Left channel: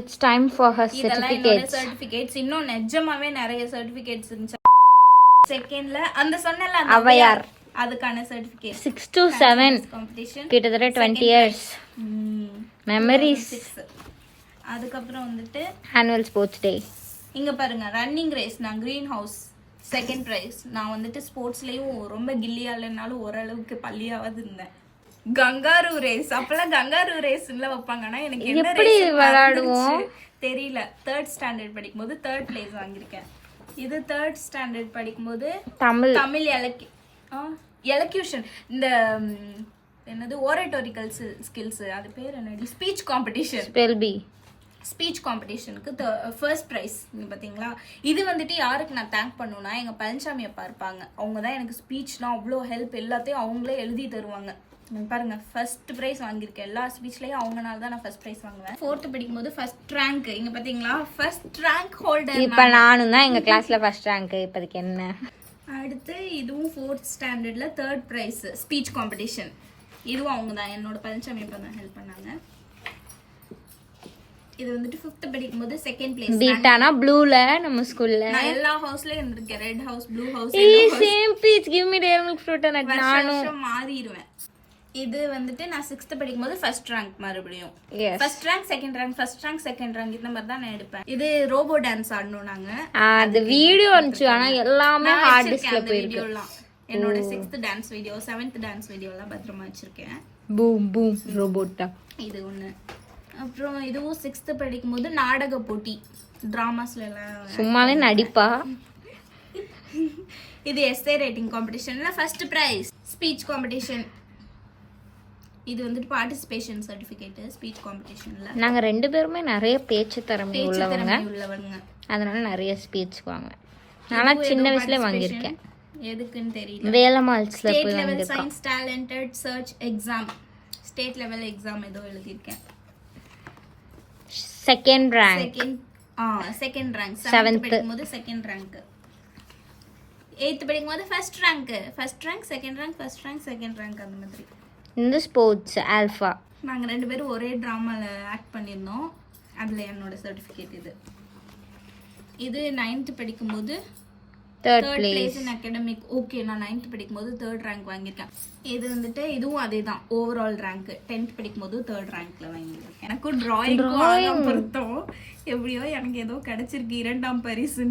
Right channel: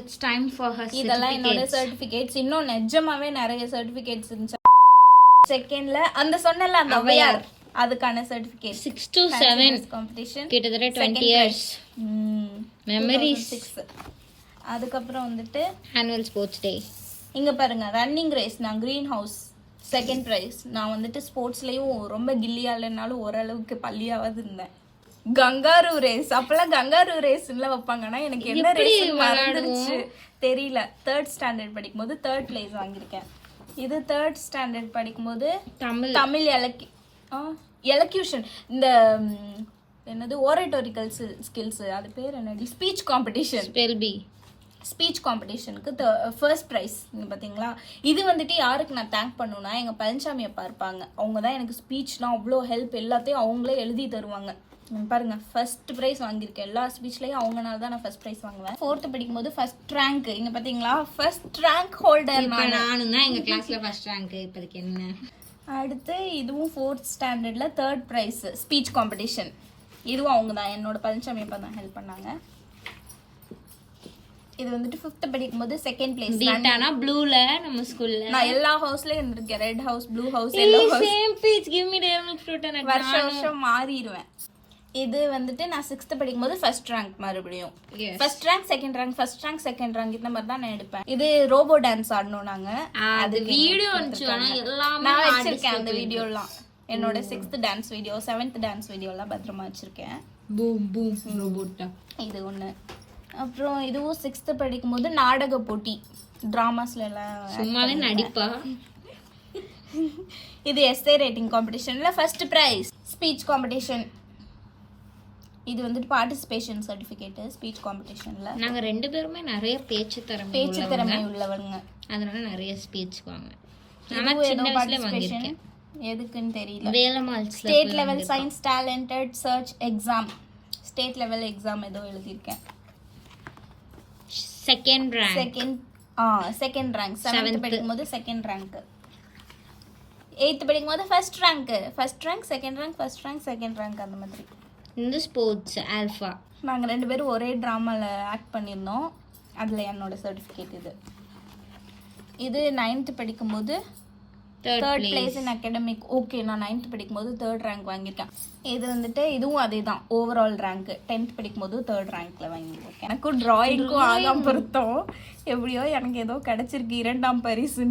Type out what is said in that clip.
It's time for her இதெல்லாம் என்னோட certificates. Certificates. இன்னும் நிஜமாவே நிறைய சர்டிபிகேட்ஸ் இருந்துச்சு. செகண்ட்ல அந்த சொன்னல அந்த அவையார் அதுக்கான சர்டிபிகேட் 6 to 7 காம்படிஷன் கிட்டத்தட்ட 20 years memories. அதுக்கப்புறம் வந்துட்டு annual sports day. இங்க பாருங்க ரன்னிங் ரேஸ் நான் கிரீன் ஹவுஸ் செகண்ட் பிரைஸ். நான் வந்துட்டு ஸ்போர்ட்ஸ்லயும் ரொம்ப கில்லியா இல்லைனாலும் ஓரளவுக்கு பள்ளியாவது இருந்தேன். கங்காரு ரேஸ் அப்பெல்லாம் கங்காரு ரேஸ்ல வைப்பாங்கன்னா எனக்கு என்ன எப்படி race விளையாடுவோம் தெரியல. 3rd ஸ்டாண்டர்ட் படிக்கும்போது 3rd பிளேஸ் வாங்கியிருக்கேன். இது 3rd ஸ்டாண்டர்ட் படிக்கும்போது தமிழ் தமிழ் எலக்யூஷன் இந்த என்னது ஓரேட்டோரிக்கல் ஸ்கில்ஸ் அது பேர் என்னடி speech competition spell bee. Speech காம்படிஷனுக்கு ஃபர்ஸ்ட் ப்ரைஸ். பார்த்தீங்களா இது வந்துட்டு யாருக்கு நான் தேங்க் பண்ணுன்னா எங்கள் பழனிசாமி அப்பா இருப்பாங்க. அவங்க தான் எனக்கு ஸ்பீச்லாம் அவ்வளோ ஹெல்ப் எல்லாத்தையும் அவங்களே எழுதி தருவாங்க. பாருங்க ஃபர்ஸ்ட் ப்ரைஸ் வாங்கியிருக்கேன் எல்லா ஸ்பீச்லையும். அவங்கனால தான் நான் ஃபர்ஸ்ட் ப்ரைஸ் வாங்குவேன். 4th படிக்கும்போது ஃபர்ஸ்ட் ரேங்க். இங்கே பார்த்தீங்களா ஃபர்ஸ்ட் ரேங்க் ஹோல்டர். இப்ப நானும் தான் எங்க கிளாஸ்ல ஃபர்ஸ்ட் ரேங்க். இப்போதைக்கு என்ன அடுத்து இதுவும் 4th ஸ்டாண்டர்ட்ல 3rd ப்ரைஸ் ஸ்பீச் காம்படிஷன். இதுவும் அவங்க தான் என்னோட பழனிசாமி அப்பா தான் ஹெல்ப் பண்ணாங்க. இது வந்துட்டு 5th படிக்கும்போது செகண்ட் பிளேஸ். பீட்டானா ப்ளூல நம்ம ஸ்கூல்ல நான் எல்லா ஹவுஸ்லயும் இருந்திருக்கேன். Red house, blue house, same peach give me dare milk fruit and வருஷம் மாறிடுவேன். இது வந்துட்டு நான் 6th படிக்கும்போது ஃபர்ஸ்ட் ரேங்க் மறுபடியும். First rank second rank first rank second rank இந்த மாதிரி தான் நான் எடுப்பேன். இது ரோபோ டான்ஸ் ஆடணும் நாங்க. அது வீடியோ வந்துச்சு ஆனா எல்லாமே ஹார்ட் டிஸ்க்ல அந்த வீடியோலாம் என்னோட 6th dance video 7th dance video எல்லாம் பத்திரமா வச்சிருக்கேன். பூம் பூம் ரோபோட்டா இது ஒண்ணு. அப்புறம் இதுவும் 6th படிக்கும்போது நாடக போட்டி டிராமாஸ்ல எல்லாம் சும்மாவே நடிப்பா. இது எஸ்ஏ ரைட்டிங் காம்படிஷன்ல ஃபர்ஸ்ட் பிரைஸ். ஸ்பீச் காம்படிஷன் இது வந்துட்டு பார்ட்டிசிபேஷன் சர்டிபிகேட் ஸ்பீச் காம்படிஷன்ல. நாங்க ரெண்டு பேருமே நிறைய பேச்சு திறமை உள்ளவங்க. அதனால நிறைய ஸ்பீச் வாங்குவேன். ஆனா சின்ன வயசுல வாங்கியிருக்கேன். எதுக்குன்னு தெரியல. வேலமால்ஸ்ல state level science talented search exam state level exam ஏதோ எழுதியிருக்கேன். Second rank. Second rank 7th படிக்கும்போது செகண்ட் ரேங்க். 8th படிக்கும்போது first rank. First rank second rank first rank second rank அந்த மாதிரி. இந்த ஸ்போர்ட்ஸ் ஆல்ஃபா நாங்க ரெண்டு பேரும் ஒரே டிராமால ஆக்ட் பண்ணியிருந்தோம். அதுல என்னோட சர்டிபிகேட் இது. இது 9th படிக்கும்போது third place in academic. Okay நான் 9th படிக்கும்போது 3rd ரேங்க் வாங்கியிருக்கேன். இது வந்துட்டு இதுவும் அதே தான் ஓவரால் ரேங்க். 10th படிக்கும்போது 3rd ரேங்க்ல வாங்கியிருக்கேன். எனக்கும் டிராயிங்க்கும் ஆகாம பொருத்தம் எப்படியோ எனக்கு ஏதோ கிடைச்சிருக்கு 2ஆம் பரிசு.